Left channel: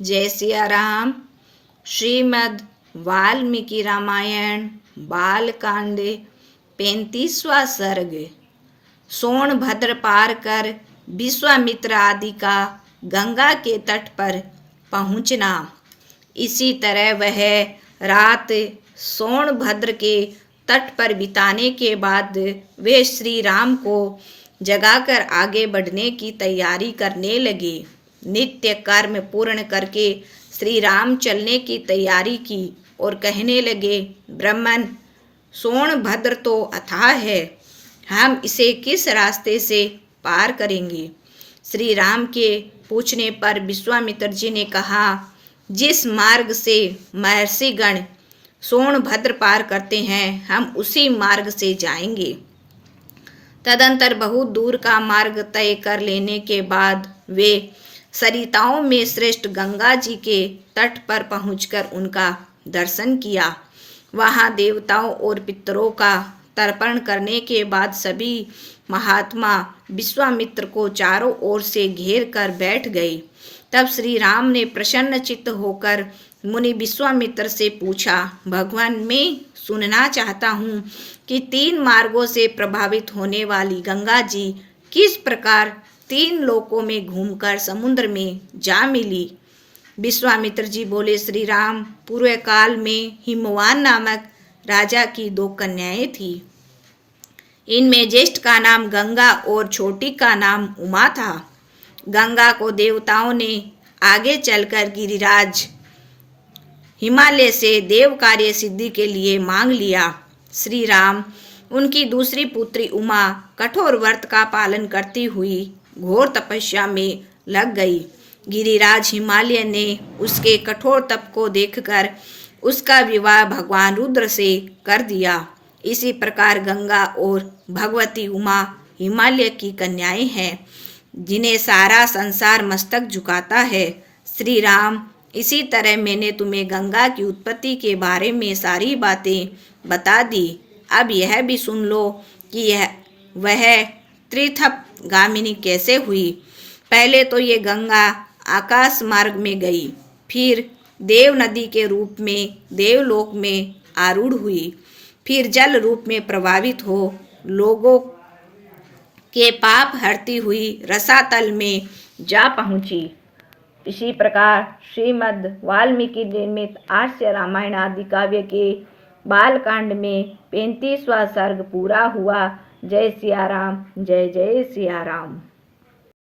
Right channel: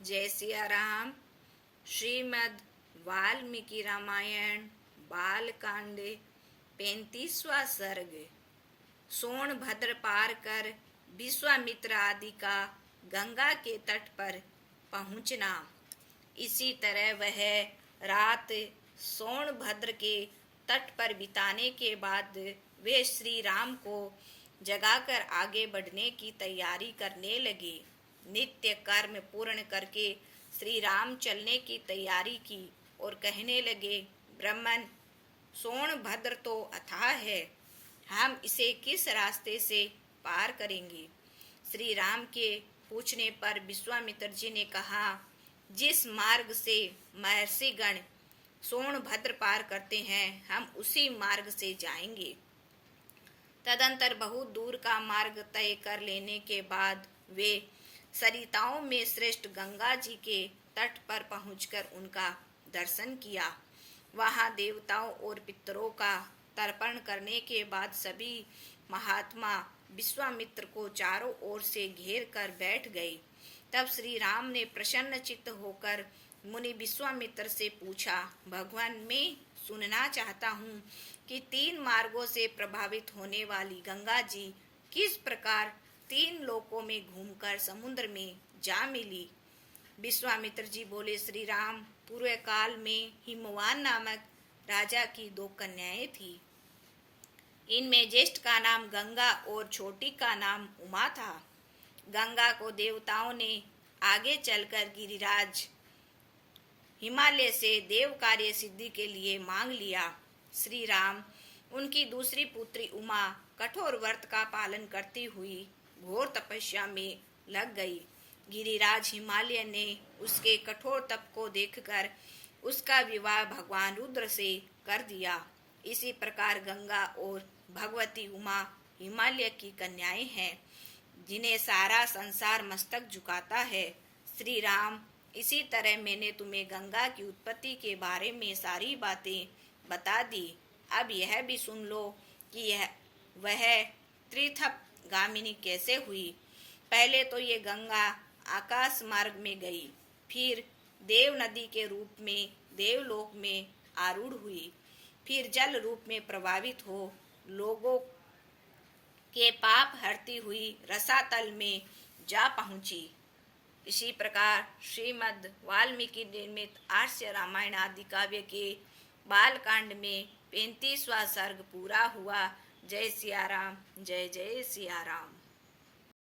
जय सिया राम। श्रीमद् वाल्मीकि रामायण बालकांड 35वां सर्ग। सोनभद्र पार कर विश्वामित्र आदि का गंगा के तट पर पहुँचना। इसी तरह वह रात सोनभद्र के तट पर बिताने के बाद वे श्री राम को जगाकर आगे बढ़ने की तैयारी करने लगे। नित्य कर्म पूर्ण करके श्री राम चलने की तैयारी की और कहने लगे, ब्राह्मण, सोनभद्र तो अथाह है, हम इसे किस रास्ते से पार करेंगे। श्री राम के पूछने पर विश्वामित्र जी ने कहा, जिस मार्ग से महर्षिगण सोनभद्र पार करते हैं, हम उसी मार्ग से जाएंगे। तदंतर बहुत दूर का मार्ग तय कर लेने के बाद वे सरिताओं में श्रेष्ठ गंगा जी के तट पर पहुंचकर उनका दर्शन किया। वहां देवताओं और पितरों का तर्पण करने के बाद सभी महात्मा विश्वामित्र को चारों ओर से घेर कर बैठ गए। तब श्री राम ने प्रसन्न चित्त होकर मुनि विश्वामित्र से पूछा, भगवान, मैं सुनना चाहता हूँ कि 3 मार्गों से प्रभावित होने वाली गंगा जी किस प्रकार 3 लोकों में घूमकर समुद्र में जा मिली। विश्वामित्र जी बोले, श्री राम, पूर्व काल में हिमवान नामक राजा की 2 कन्याएं थी। इनमें ज्येष्ठ का नाम गंगा और छोटी का नाम उमा था। गंगा को देवताओं ने आगे चलकर गिरिराज हिमालय से देव कार्य सिद्धि के लिए मांग लिया। श्री राम उनकी दूसरी पुत्री उमा कठोर व्रत का पालन करती हुई घोर तपस्या में लग गई। गिरिराज हिमालय ने उसके कठोर तप को देखकर उसका विवाह भगवान रुद्र से कर दिया। इसी प्रकार गंगा और भगवती उमा हिमालय की कन्याएं हैं, जिन्हें सारा संसार मस्तक झुकाता है। श्री राम, इसी तरह मैंने तुम्हें गंगा की उत्पत्ति के बारे में सारी बातें बता दी। अब यह भी सुन लो कि वह त्रिथप गामिनी कैसे हुई। पहले तो ये गंगा आकाश मार्ग में गई, फिर देव नदी के रूप में देवलोक में आरूढ़ हुई, फिर जल रूप में प्रभावित हो लोगों के पाप हरती हुई रसातल में जा पहुँची। इसी प्रकार श्रीमद् वाल्मीकि निर्मित आर्ष रामायण आदि काव्य के बालकांड में 35वां सर्ग पूरा हुआ। जय सिया राम, जय जय सिया राम।